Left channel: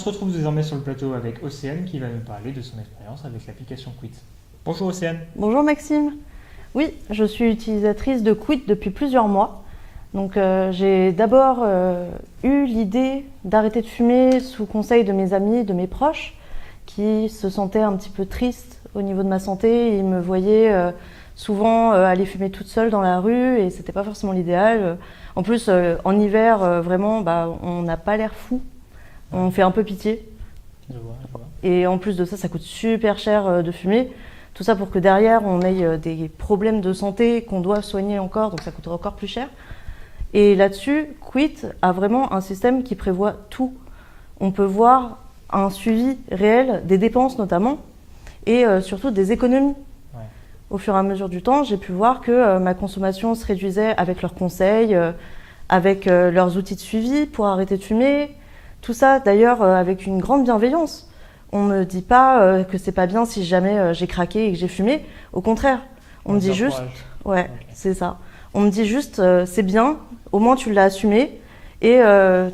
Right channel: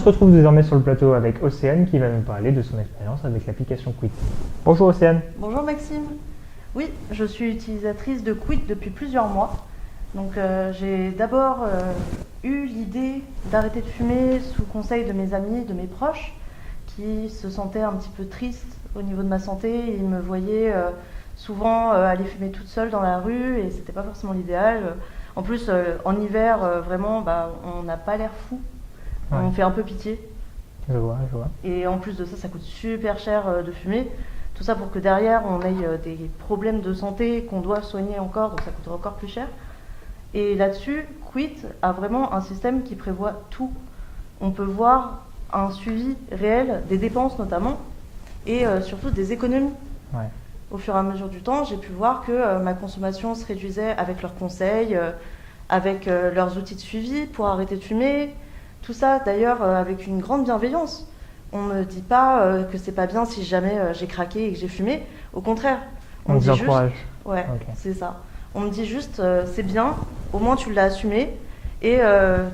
se retrouve désormais sur le plateau avec Océane qui va nous parler de son expérience avec l'application Quit. Bonjour Océane. Bonjour Maxime. Oui, je suis utilisatrice de Quit depuis plusieurs mois. Donc j'ai d'abord eu l'idée d'arrêter de fumer sous conseil de mes amis, de mes proches, qui se sentaient un petit peu tristes au niveau de ma santé. Ils me voyaient souvent aller fumer toute seule dans la rue et c'était pas forcément l'idéal. En plus, en hiver, vraiment, on n'a pas l'air fou. Ouais. On fait un peu pitié. Je vois. Et en plus de ça, ça coûte super cher de fumer. Tout ça pour que derrière, on ait des problèmes de santé qu'on doit soigner encore, donc ça coûterait encore plus cher. Et là-dessus, Quit a vraiment un système qui prévoit tout. On peut voir un suivi réel des dépenses notamment, et surtout des économies. Ouais. Au fur et à mesure du temps, j'ai pu voir que ma consommation se réduisait avec leurs conseils, avec leurs outils de suivi pour arrêter de fumer. Tout ça, d'ailleurs, avec une grande bienveillance. On ne me dit pas que c'est pas bien si jamais j'ai craqué et que j'ai fumé. Au contraire, on me dit juste... Ouais, okay. C'est ça. On me dit juste, c'est bien, au moins tu l'as assumé et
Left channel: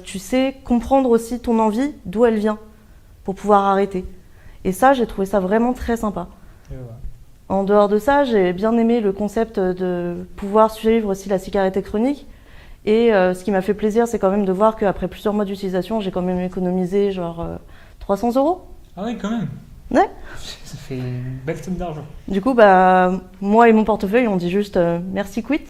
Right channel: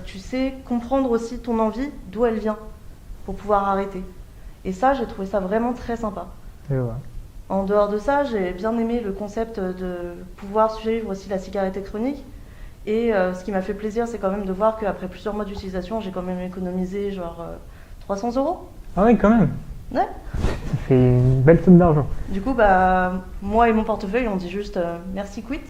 tu sais comprendre aussi ton envie, d'où elle vient, pour pouvoir arrêter. Et ça, j'ai trouvé ça vraiment très sympa. Je vois. En dehors de ça, j'ai bien aimé le concept de pouvoir suivre aussi la cigarette électronique. Et ce qui m'a fait plaisir, c'est quand même de voir qu'après plusieurs mois d'utilisation, j'ai quand même économisé genre 300 €. Ah oui, quand même. Ouais. Ça fait une belle somme d'argent. Du coup, moi et mon portefeuille, on dit juste merci Quit.